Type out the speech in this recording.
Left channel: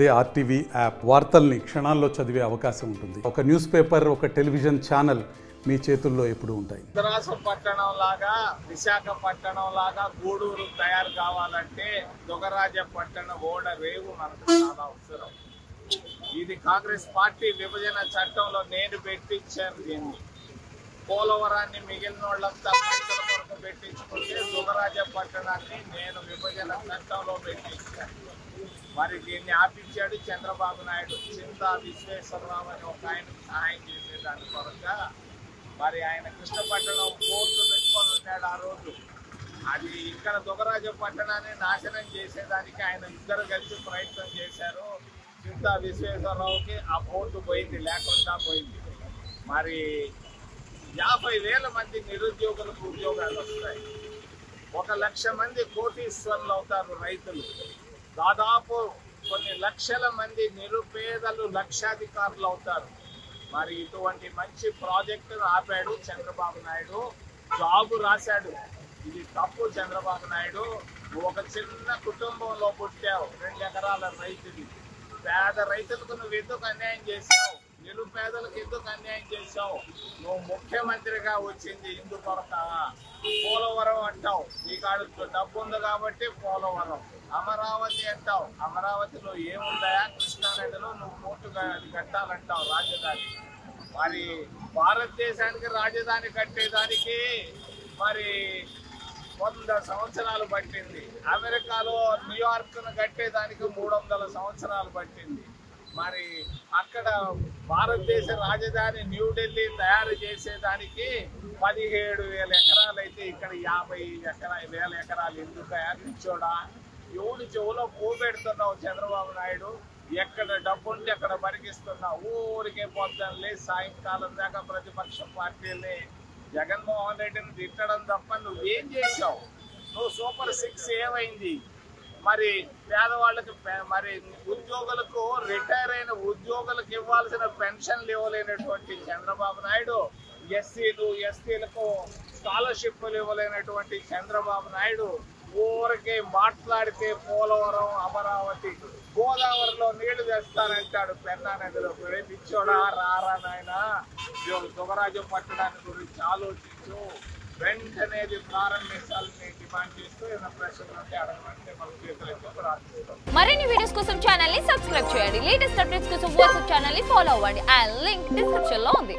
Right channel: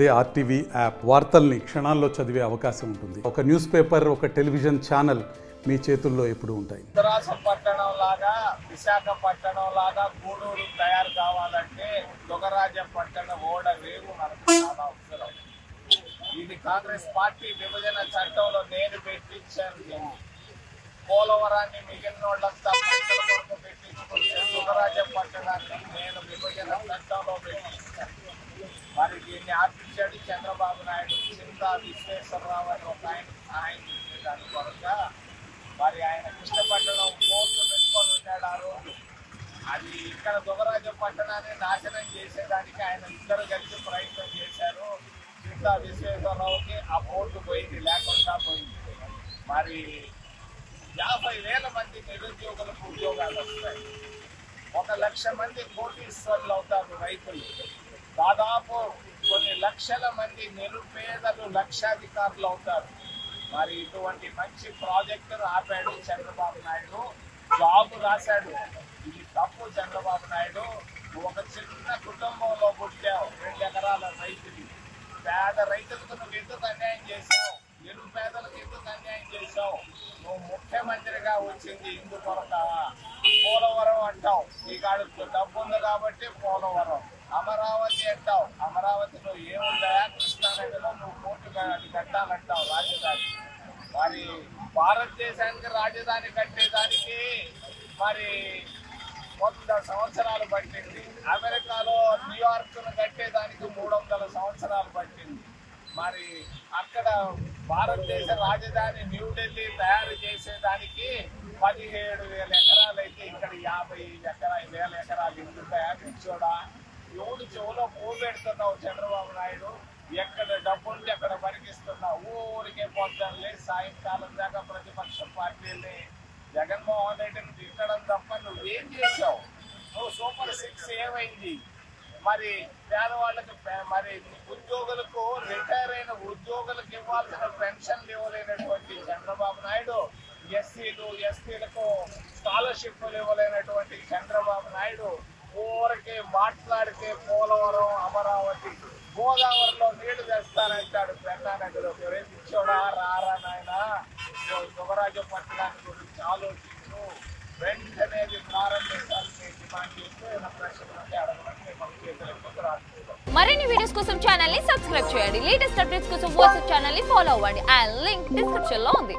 అదే RTV app వార్తల్ని క్షణాల్లో చదివే అవకాశం ఉంటుంది. ఒక న్యూస్ పేపర్, ఒక టెలివిజన్ ఛానల్ మీ చేతుల్లో ఎప్పుడు ఉంటాయి. పట్టణం లాగా, విశాఖపట్నం లాగా గూడూరు తయారు కావాలంటే దొగరాజపట్నం ఓడ రేవు మనకు చాలా అవసరం. ఇది కాంగ్రెస్ పార్టీ విభజన చట్టంలో నేను పెట్టించాను. దీన్ని పోలవరాన్ని మిగిలిన వాళ్ళంతా పైసల కొరకు పెట్టించుకుంటే దొగరాజపట్నాన్ని నేను విభజన చట్టంలో పెట్టించాను. మరి దీన్ని ఆపించాడు చంద్రబాబు నాయుడు. చింతా విశ్వేశ్వరరావు అని ఒక ఆయన సహాయం చేసేదాని కొరక మరి ఆయన కృష్ణపట్నం పోర్టు పెట్టుకొని ఉన్నాడు ఆ రోజు. అది ఇక్కడ దొగరాజపట్నాన్ని నాశనం చేసేదానికి ఆయన ఇద్దరు కలిసి ప్రయత్నం చేశారు. చింతా విశ్వేశ్వరరావుకి ఆ పోర్టు పోయింది, లేకుండా పోయింది. మరి 50,000 మంది నిరుద్యోగులకు ఉద్యోగాలు వస్తాయి. 1,00,000 మంది కోటీశ్వరులు అవుతారు రైతులు. దాదాపు కొన్ని లక్షల మంది నిరుపేదలు లక్షాధికారులు అవుతారు. మరి ఇటువంటి మంచి ప్రాజెక్టును ఆపాడు చంద్రబాబు నాయుడు. జాబు రాశాడు. ఇది తప్పు చంద్రబాబు నాయుడు. నువ్వు ఒక చిన్న కుటుంబంలో పుట్టావు, 2 ఎకరాల రైతుది. పేద రైతులకు నువ్వు ఎందుకు అన్యాయం చేశావు? నిరుపేదలకు ఎందుకు అన్యాయం చేశావు? నువ్వు ముఖ్యమంత్రిగా వచ్చింది ఇందుకొరక. పోలవరం అంటావు, నీ కాడు డబ్బు ఉంది కాబట్టి పోలవరం. అమరావతి అంటావు, అమరావతిలో ఏముందా? కృష్ణానదిలో నువ్వు పోర్టు అది కట్టాలంటావు రాజధాని. మరి భారతదేశానికి రాజధాని కట్టేదానికి మరి 100 సంవత్సరాలు పట్టింది. అమెరికాలో న్యూయార్క్ను కట్టేదానికి 300 సంవత్సరాలు పట్టింది. మరి అక్కడ భారతదేశ రాజధాని న్యూఢిల్లీ తయారు చేసేదానికి 17,000 ఎకరాలు అయితే ఇక్కడ 50,000 ఎకరాలు ఎందుకు పిచ్చోడా? ఎవడు చెవులో పోబెడుతున్నావు చంద్రబాబు నాయుడు? ఎక్కడ డబ్బుంటే అక్కడ బరికిస్తున్నావు. ఊరికే పొద్దున్నే సాయంకాలం దాకా ప్రతిపక్ష పార్టీల్ని జగన్మోహన్ రెడ్డిని తిట్టడం తప్ప నువ్వేం చేసావు? నువ్వు సూపర్ 6 ఏమైంది? మరి పేదవాళ్ళకి, మరి ఉద్యోగులకు, రిటైర్ అయిన ఉద్యోగులకు ఇవ్వాల్సిన పెన్షన్లు ఇవ్వలేనటువంటి చంద్రబాబు నాయుడు, ఎస్సీలు ఎస్టీలకు స్కాలర్షిప్లు ఇవ్వలేనటువంటి చంద్రబాబు నాయుడు ఊరికే మాట్లాడితే పోలవరం, అమరావతి, గోదావరిలో నీళ్లు తెస్తానంటాడు పెన్నా నదిలో. గురించి ఇచ్చోడా? రారా నాయన, దొగరాజపట్నాన్ని గురించి ఆలోచించు. వెంటనే ప్రారంభించాలని డిమాండ్ చేస్తూ ఏమైనా ప్రశ్నలు ఉంటే అడగమని మిమ్మల్ని చేతులకు ప్రార్థిస్తాం. మరిన్ని వీడియోస్ కోసం ఛానల్ ని సబ్స్క్రైబ్ చేయండి. లేటెస్ట్ అప్డేట్స్ కోసం వాట్సాప్ ఛానల్ ని ఫాలో అవ్వండి. ఆ లింక్ డిస్క్రిప్షన్ లో ఉంది.